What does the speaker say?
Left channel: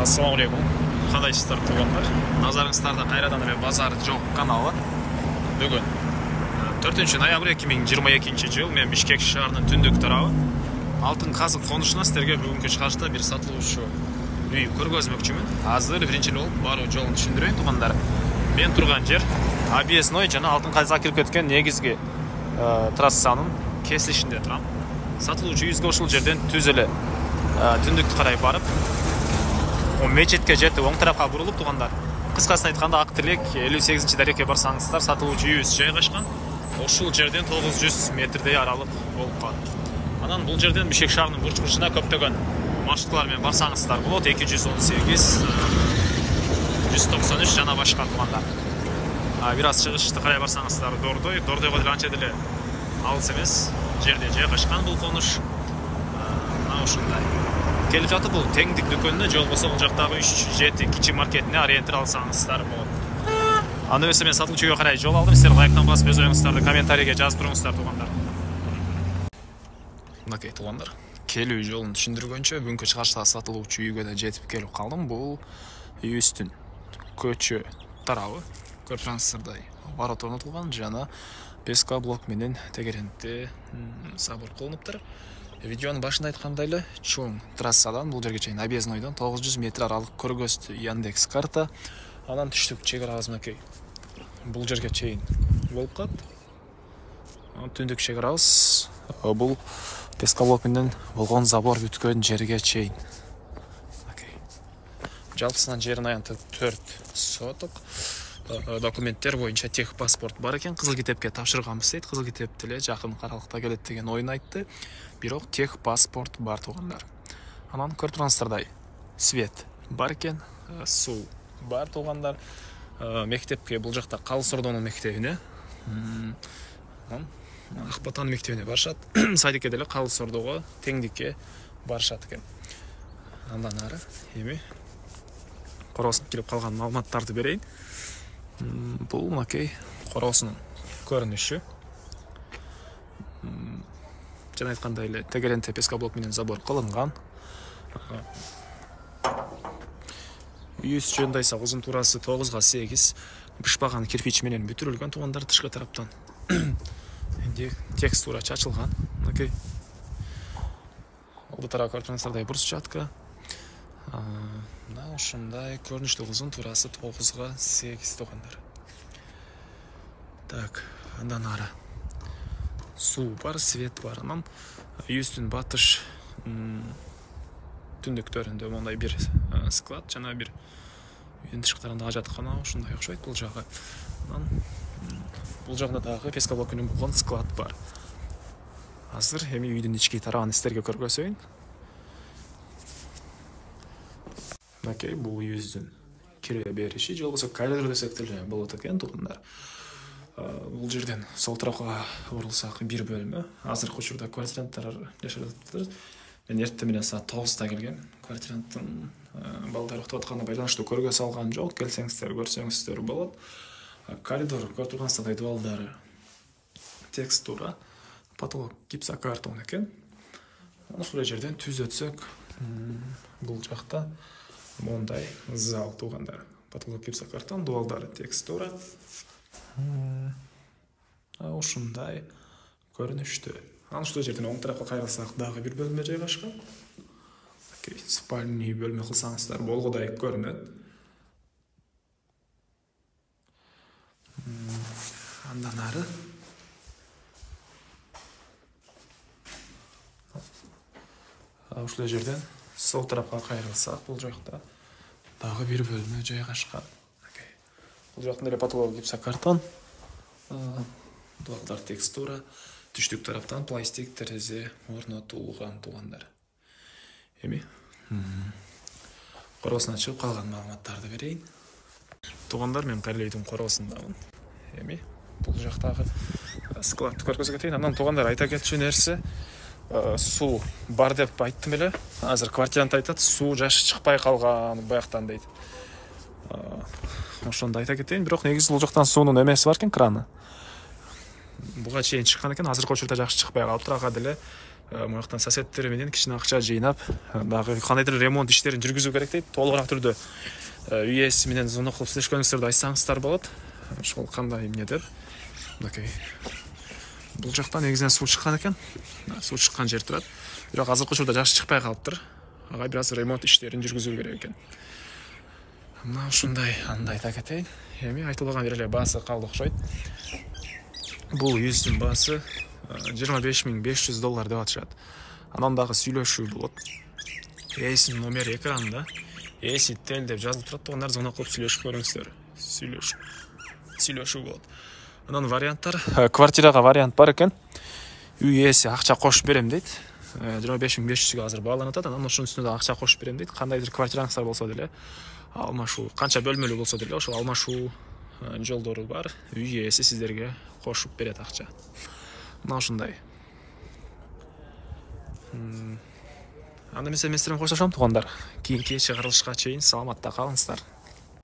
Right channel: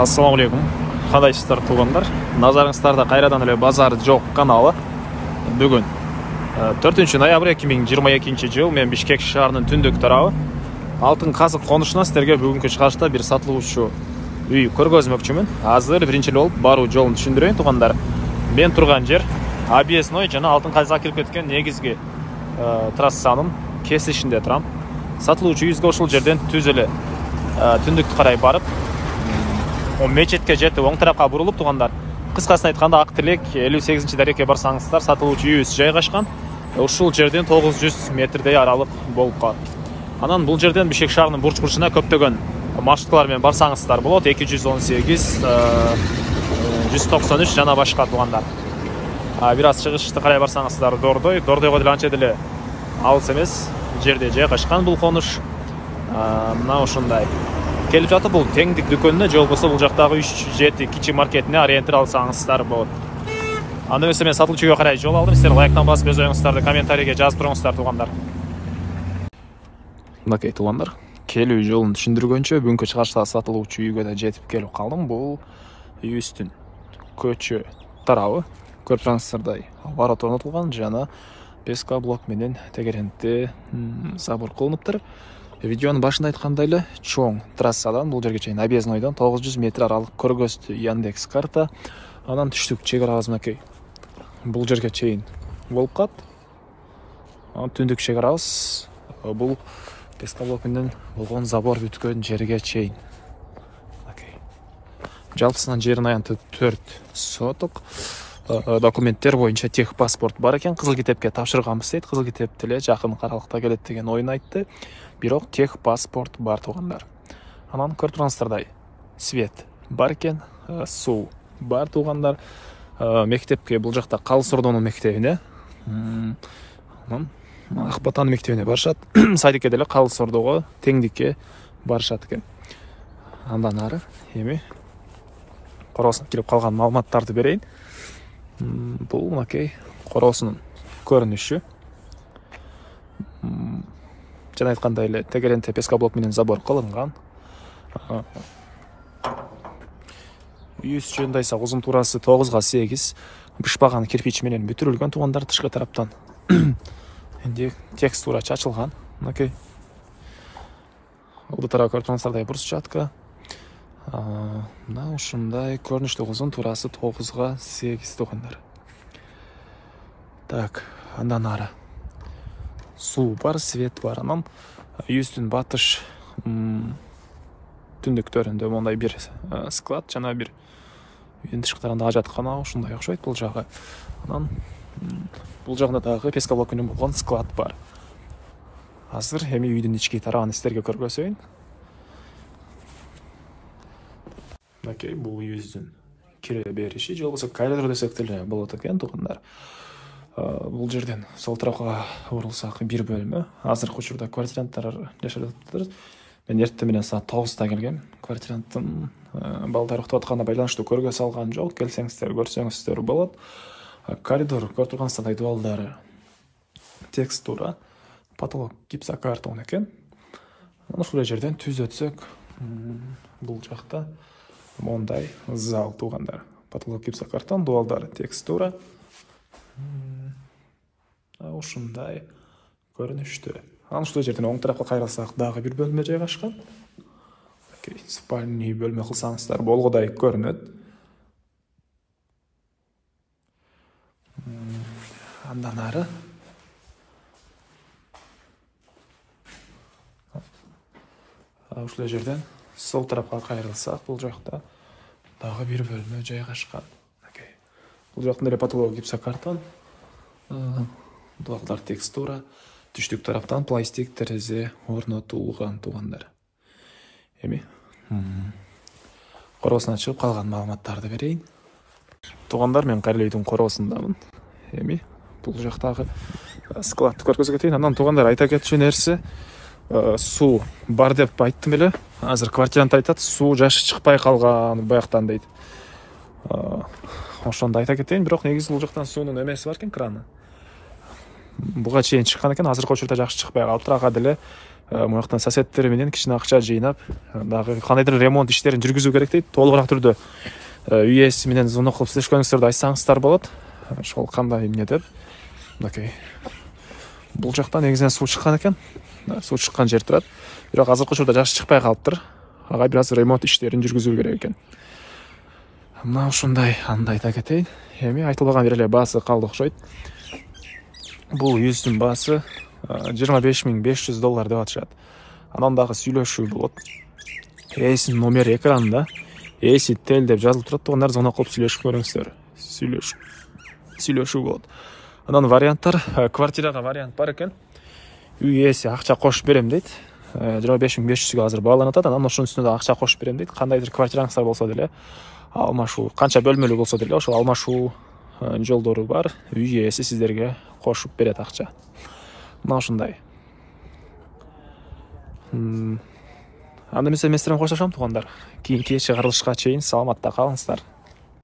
Ассаламу алейкум. Кадайсыздар туугандар. Назарыңыздарда кайрадан эле базар жок каналы. Бүгүн 4 ноябрь 2022 жыл мен Бишкек шаарынын түндүк тарабы Алтын Казык конушуна сиздерге бүгүнкү чыгышта бир сатылуучу үй көргөзмөкчүмүн. Азыр биринчи болуп баруу жолун түшүндүрөйүн туугандар. Мен турган жер Объездной жана Алтын Казыкка кирип кеткен негизги трассанын кесилишинде турам. Сатылуучу үйүбүзгө ушул жерден түз эле түндүккө карай барып, мечетке жетип оң тарапка бурулуп туугандар. Кыскасын айтканда Ак Тилек 58 дарекке барсаңыздар сатылуучу үйүбүз жайгашкан. Ушул жерден 900 метрдей аралык болуп калат. Анан бул жерден Бишкек шаарынын бурч бурчуна көптөгөн маршруттар менен барсаңыздар болот. 218, 193 жана башка туугандар. Бир аз чыгышты карай барсаңыздар Дордойго деле анча деле алыс эмес жерде жайгашкан бул конуш. Мына ушундай. Келип жатып бул теңдик дүкөнүнө же болбосо бул жактагы 3-7 кичи маркетине ориентир алсаңыздар болот. Аны эмесе мен сатылуучуга карай жол алдым. Сиздер лайктан басып өз оюңуздарды комментарийге жазып туруңуздар туугандар. Мынакей туугандар, келүү жолун түшүндүргөнчө бүгүнкү чыгышта сатылуучу үйгө да жетип келип калдым. Бул үйүбүздүн көчө тарабы. Көрүп турсаңыздардай ворот орнотулган жана песка блок менен тегерентте забор кылыныптыр. Видеонун башында айткандай эле чоң трассадан бул жерге чейин Объезднойдон 900 метр аралык көргөздү Яндекс карта. Анан түштүк чек арабыз мынакей бул жерге чейин болуп калат. Анан түндүк чек арабыз бул песка блок менен болгон забор бүткөн жерге чейин. Жалпысынан жерин аянты 4 соток. Документтер боюнча тех паспорт бар экен. Кызыл китепке тапшырганбыз дейт. Кызыл китеп деле жакын аралыкта келет деген оюн айтты. Бирок тех паспорт бар туугандар. Анан көрүп турсаңыздардай свет бар экен, суу бар туугандар. Мектепке бул жакта Калыс Ордонун мектебине, Акбатан мектебине барышат. Садикке деле Калыс Ордого, теңдикке барышат экен. Андан ары эми короосуна кирип калган маалыматтарды берейин. Бул мынакей короосунун көрүнүшү. Жана айткандай эле тегерентте песка блок менен забор кылынган. Үйүбүз жөндөйсө узун туурасы 9-8 бышпаган кирпич менен бүтүрүлгөн туугандар тышкы тараптан. Энди текстура чачылган. Мынакей. Бул тарап көрүп турсаңыздардай брусчатка. Мына ушундай көрүнүштө узун туурасы 9-8 туугандар. Так, андан ары суу бар, свет бар. Анан үйүбүздүн батыш түндүктөрүндө мондай бир склад жана бир үйдүн тышкы тарабында жаткан ушундай окшойт бул жагы. Анан бул жагында дагы песка блок менен болгон склад бар. Азыр эми үйдүн ички тарабын сиздерге көргөзөйүн. Мынакей бул үйүбүздүн кире бериши, же болбосо коридор десек деле болот экен туугандар. Бул жерден сол тарапка бурулсак бир бөлмө. Азыркы учурда квартиранттар жашап жатыптыр. Мен эртең менен саат 9-да келгем. Квартиранттын балдары уктап атканына байланыштуу көргөзө алган жок. Келсеңиздер, көрсөңүздөр болот. Коридор көрүп тургансыздардай дубалдары текстура, потолок гипсокартон экен. Ушул жерден түз өтсөк, бул жакта мондай зал туугандар. Потолок гипсокартон, дубалдары текстура. Ушундай көрүнүштө. Анан ушул жерден оң тарапка кайрылсак дагы бир бөлмө жайгашкан. Спальный бөлмө кылсаңыздар болгодай көрүнөт. Андан ары ушул жерден сол тарапка кайрылсак бул жакта дагы бир бөлмө жайгашкан. Бул жактын эле потолок гипсокартон, дубалдар текстура, түштүк тараптан пластик терезе орнотулган туугандар. Эми короосуна чыгып калган маалыматтарды берейин. Туугандар, мен кайра үйдүн короосундамын. Эми бул жактагы складты көргөзө кетейин. Андан туугандар айта кетчү нерсе, суу бар деп айттым эле. Азыр квартирант айтат, суу жашы чыкпай калган бияктан дейт. Ошондо айта кетейин, бирок негизи бул жактан суунун эмеси бар экен, краны. Буга чейин чыккан экен, азыркы учурда жакшы чыкпай калыптыр. Ага деле мынаяктан соседтер менен кичине акча жыйнап, дагы кандайдыр ремонт иштерин жүргүзүү керек дейт. Толугураак түрдө үй ээси менен звонок кылып сүйлөшкөнүңүздөрдү айтсаңыздар болот. Ошол кандай эмне деп. Мынакей. Бул жакта негизинен суу чыккан экен. Суу чыккан жер турат. Бирок азыркы учурда жакшы чыкпай калыптыр. Ага бир аз ремонт иштерин жүргүзүү керек экен. Мына ушундай, андай да кетейин. Эми айтылган эле баасы калды окшойт. Бул үйүбүздүн баасы $25,500 деп атышат. Анан дагы сүйлөшүү болот. Ээсинин номери экранында. Ээси тел деп жазылып турат. Ондар звонок кылып сүйлөшүп көрүңүздөр. Сүйлөшүү болот. Анан варианттар, квартирага вариант бар экен. Үй ээси акча кошуп берем дейт. 25,500га азыр бааланып атат. Анан ошонун үстүнө акча кошуп берем дейт. Кандайдыр квартираңыздар болсо деле, алмашуу, канча бөлмөлүү болсо деле, ошо алмашуу жолдору бар. Үй ээси сиздерге кошуп берет акча. Мына ушундай. Анда эмесе мен сиздер менен коштошом туугандар. Кийинки чыгарылышка чейин саламатта калыңыздар.